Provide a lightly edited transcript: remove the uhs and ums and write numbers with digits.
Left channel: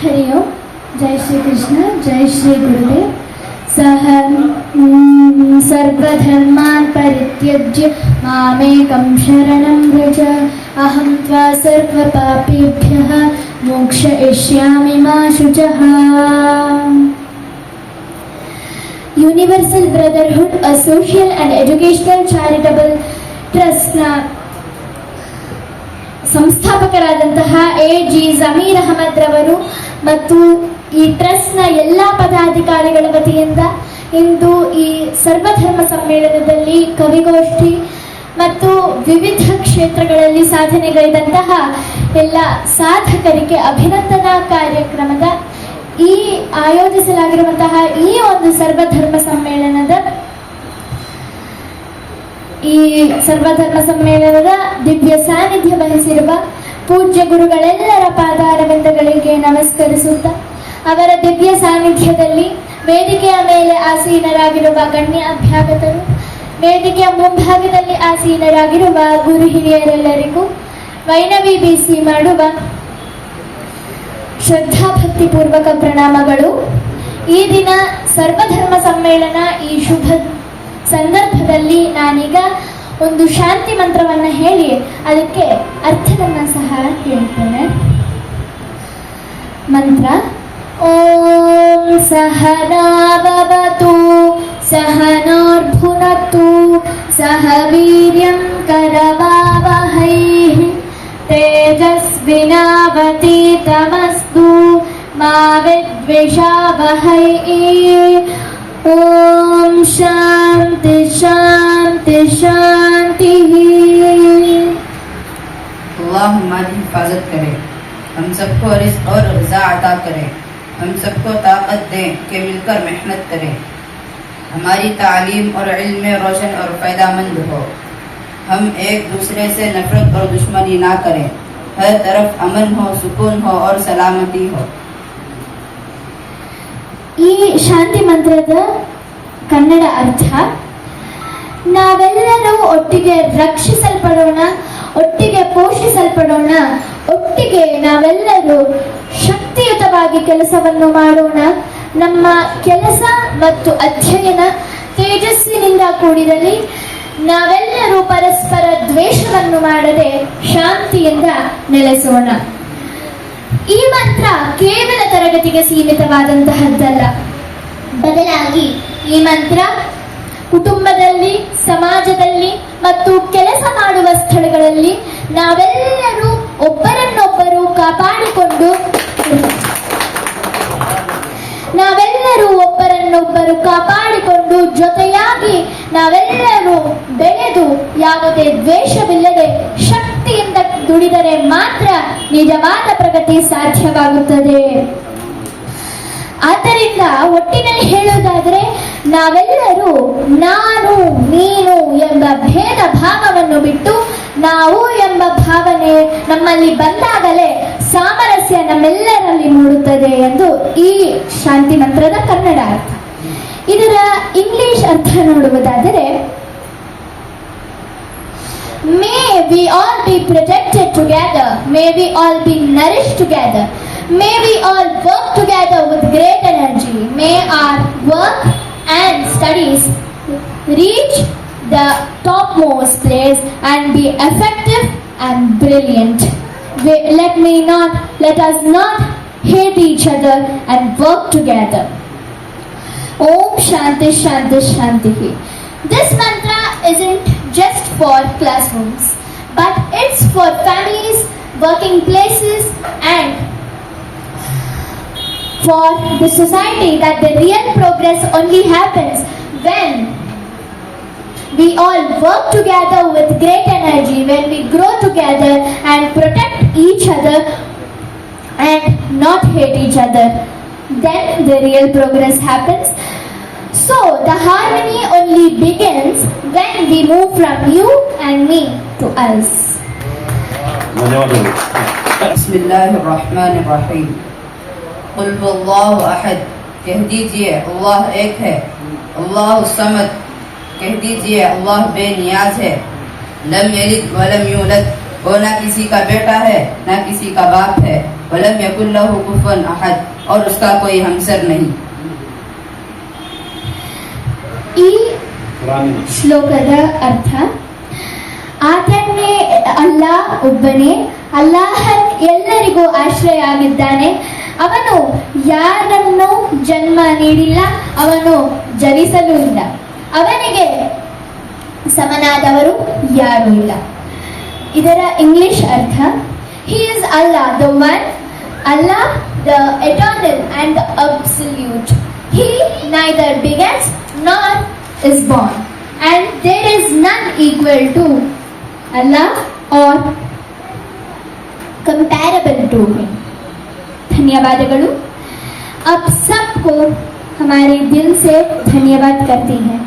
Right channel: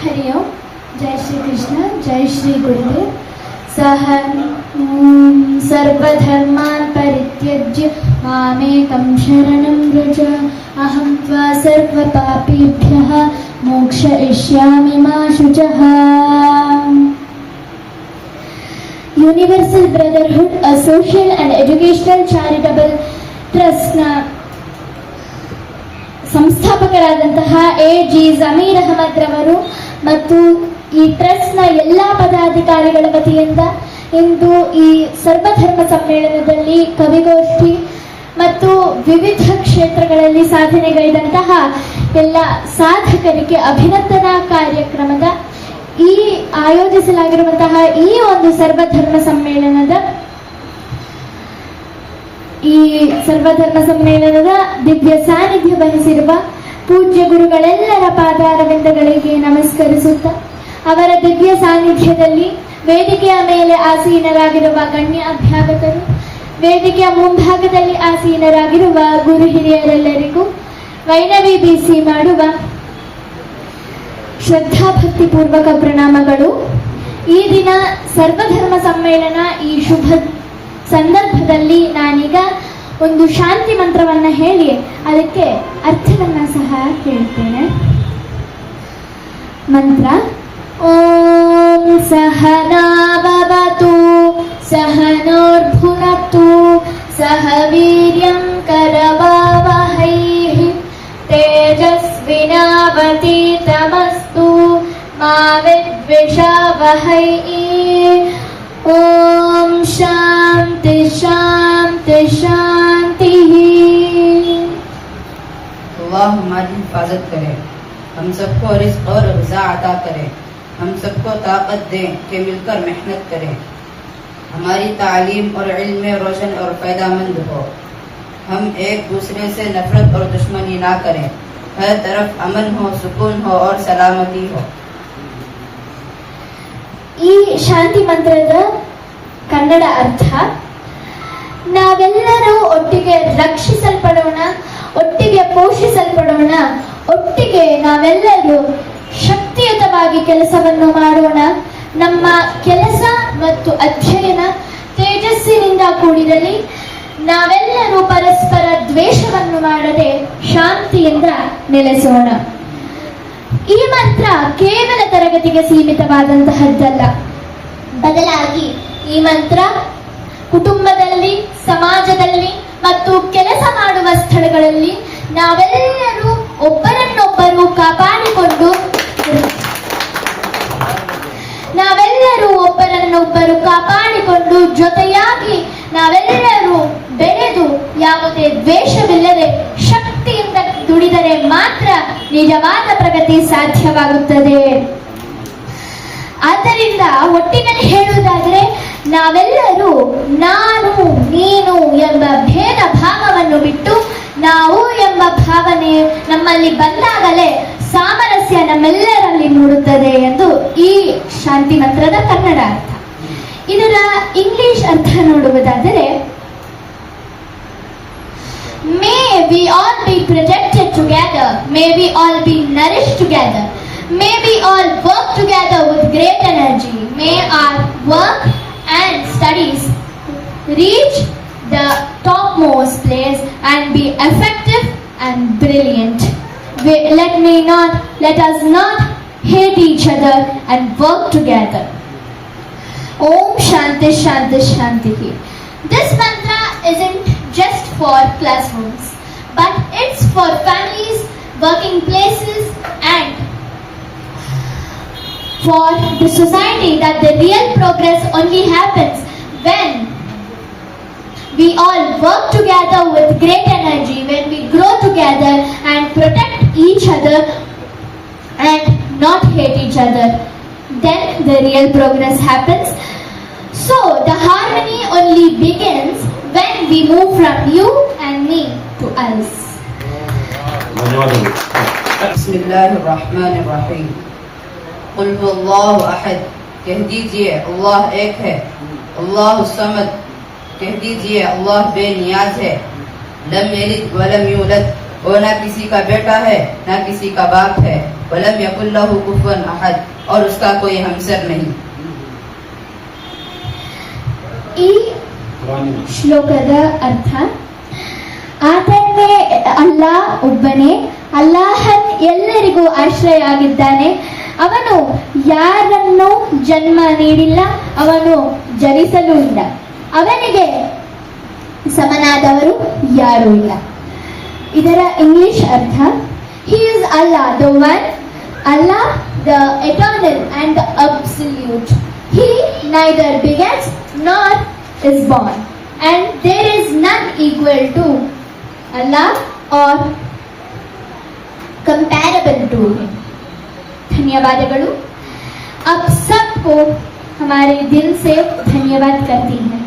हरि ओम। जय श्री कृष्ण, जय श्री गुरुदेव। सह सर्वधर्मान् परित्यज्य मामेकं शरणं व्रज। अहं त्वा सर्वपापेभ्यः मोक्षयिष्यामि मा शुचः। Universal brotherhood a social and educational charitable ಟ್ರಸ್ಟ್ನ ಸಂಸ್ಥಾಪಕರಾದಂತಹ ಎ.ಜಿ. ಜಮೀರ್ ಅಹಮದ್ ರವರು ಮತ್ತು ಈ ಟ್ರಸ್ಟ್ನ ಎಲ್ಲ ಪದಾಧಿಕಾರಿಗಳ ವತಿಯಿಂದ ಇಂದು ಈ ಸರ್ವಧರ್ಮ ಸಮ್ಮೇಳನದಲ್ಲಿ ಕವಿಗೋಷ್ಠಿ ಮತ್ತು ವಿವಿಧ ಕ್ಷೇತ್ರಗಳಲ್ಲಿ ಸಾಧನೆಗೈದಂತಹ ಎಲ್ಲ ಸಾಧಕರಿಗೆ ಅಭಿನಂದನಾ ಕಾರ್ಯಕ್ರಮದ ಈ ಆಯೋಜಿಸಲಾಗಿರುವಂತಹ ಈ ಒಂದು ಸರ್ವಧರ್ಮ ಸಮ್ಮೇಳನದ ದಿವ್ಯ ಸಾನ್ನಿಧ್ಯ ವಹಿಸಿರುವ ಪೂಜ್ಯ ಗುರುಗಳೆಲ್ಲರ ಪಾದಾರವಿಂದಗಳಿಗೆ ನಮಸ್ಕರಿಸುತ್ತಾ ಅವರ ದಿವ್ಯ ಸಾನ್ನಿಧ್ಯದಲ್ಲಿ ವೇದಿಕೆಯ ಮೇಲೆ ಆಸೀನರಾಗಿರುವ ಗಣ್ಯ ಅಭ್ಯಾಗತರು, ವೇದಿಕೆಯ ಮುಂಭಾಗದಲ್ಲಿ ಆಸೀನರಾಗಿರುವ ಗುರು ಹಿರಿಯರೆಲ್ಲರಿಗೂ ವೈನವಿ ಬೀಸಿ ಮಾಡುವ ಶ್ರದ್ಧಾಭಕ್ತಿಪೂರ್ವಕ ಪ್ರಣಾಮಗಳು. ಈ ದಿನ ಸರ್ವಧರ್ಮ ಸಮ್ಮೇಳನ ಈ ಶುಭ ಸಂದರ್ಭದಲ್ಲಿ ನಾನೀಗ ಒಂದು ಶಾಂತಿ ಮಂತ್ರವನ್ನ ಹೇಳಿ ಅದಕ್ಕೆ ಅರ್ಥವನ್ನ ಸಹ ಹೇಳ್ತೇನೆ. ಮಂತ್ರ: ಓಂ ಸಹನಾವವತು ಸಹನೋರ್ಭುನಕ್ತು ಸಹ ವೀರ್ಯಂ ಕರವಾವಹೈ ತೇಜಸ್ವಿನಾವತೀತಮಸ್ತು ಮಾ ವಿದ್ವಿಷಾವಹೈ. ओम शांति शांति शांति। अल्लाह हमारी हिफाजत करे, हम सबको रिज़्क़ और ग़िज़ा अता करे, हम सबको ताकत दें कि मिलकर मेहनत करें, हमारी तालीम और इल्म में रोशन और फ़ायदामंद हो, हम एक दूसरे से नफरत और दुश्मनी ना करें, हर तरफ अमन हो, सुकून हो और सलामती हो. ಈ ಶಾಂತಿ ಮಂತ್ರದ ಕನ್ನಡ ಅರ್ಥ: ನಾವೆಲ್ಲರೂ ಒಟ್ಟಿಗೆ ರಕ್ಷಿಸಲ್ಪಡೋಣ, ಒಟ್ಟಿಗೆ ಪೋಷಿಸಲ್ಪಡೋಣ, ಒಟ್ಟಿಗೆ ನಾವೆಲ್ಲರೂ ಶಕ್ತಿಯುತವಾಗಿ ಕೆಲಸವನ್ನು ಮಾಡೋಣ. ನಮ್ಮ ಕೆಲಸ ಮತ್ತು ಅಧ್ಯಯನ ತೇಜಸ್ಸಿನಿಂದ ಕೂಡಿರಲಿ. ನಾವೆಲ್ಲರೂ ಪರಸ್ಪರ ದ್ವೇಷವನ್ನು ಮಾಡದೆ ಶಾಂತಿಯಿಂದ ನೆಲೆಸೋಣ. ಈ ಮಂತ್ರ ಕೇವಲ ತರಗತಿಗೆ ಸೀಮಿತವಾದಂತಹದ್ದಲ್ಲ, ಬದಲಾಗಿ ಈ ಮಂತ್ರ ಕುಟುಂಬದಲ್ಲಿ, ಸಮಾಜದಲ್ಲಿ ಮತ್ತು ಕೆಲಸ ಮಾಡುವ ಸ್ಥಳಗಳಲ್ಲಿ ನಾವೆಲ್ಲರೂ ಒಬ್ಬರನ್ನೊಬ್ಬರು ಕಾಪಾಡಿಕೊಂಡು ಜೊತೆಯಾಗಿ ನಾವೆಲ್ಲರೂ ಬೆಳೆದು ಯಾವುದೇ ದ್ವೇಷವಿಲ್ಲದೆ ಶಕ್ತಿಯಿಂದ ದುಡಿದರೆ ಮಾತ್ರ ನಿಜವಾದ ಪ್ರಗತಿ ಸಾಧ್ಯವಾಗುತ್ತದೆ. ಆದ್ದರಿಂದ ಒಟ್ಟಿನಲ್ಲಿ ಹೇಳುವುದಾದರೆ ನಾವೆಲ್ಲರೂ ನಾನು ನೀನು ಎಂಬ ಭೇದ ಭಾವವನ್ನು ಬಿಟ್ಟು ನಾವು ಎಂಬ ಭಾವನೆ ನಮ್ಮಲ್ಲಿ ಬಂದಾಗಲೇ ಸಾಮರಸ್ಯ ನಮ್ಮೆಲ್ಲರಲ್ಲಿ ಮೂಡುತ್ತದೆ ಎಂದು ಈ ಶಾಂತಿ ಮಂತ್ರದ ಕನ್ನಡ ಅರ್ಥ. ಇದರ ಇಂಗ್ಲಿಷ್ ಅರ್ಥ ನೋಡುವುದಾದರೆ: May we all be projected together, may we all be nourished together, may we all work together with great energy, may our work and studies reach the topmost place and be effective and brilliant. Let us not hate each other and work together. Om Shanti Shanti Shanti. This mantra isn't just for classrooms, but it's for families, working places and for the society. That the real progress only happens when we all work together with great energy, when we grow together and protect each other and not hate each other. Then the real progress happens. So the harmony only begins when we move from you and me to us. बिस्मिल्लाहिर्रहमानिर्रहीम। कुल हुवल्लाहु अहद, कह दीजिए अल्लाह एक है। अल्लाहु समद, कह दीजिए अल्लाह बेनियाज है। लम यलिद वलम यूलद, वो ना किसी का बेटा है ना किसी का बाप है। वलम यकुल लहु कुफुवन अहद, और उसका कोई हमसर नहीं। ಈ ಶ್ಲೋಕದ ಅರ್ಥ, ಆತನೇ ಅಲ್ಲಾಹ್ ಒಬ್ಬನೇ, ಅಲ್ಲಾಹನ್ ಎಲ್ಲರಿಗೂ ಆಶ್ರಯ ಆಗಿದ್ದಾನೆ. ಅವನು ಯಾರನ್ನು ಜನ್ಮ ನೀಡಿಲ್ಲ, ಅವನು ಜನಿಸಲೂ ಇಲ್ಲ, ಅವನಿಗೆ ಸಮನಾದವರು ಯಾರೂ ಇಲ್ಲ. ಇದರ ಇಂಗ್ಲಿಷ್ ಅರ್ಥ, he is Allah the one, Allah the eternal and the absolute. He neither begins nor is born, and there is none equal to Allah or comparable to him. धन्यवादಗಳು. आप सबको हमारे दिल से धन्यवाद करती हैं.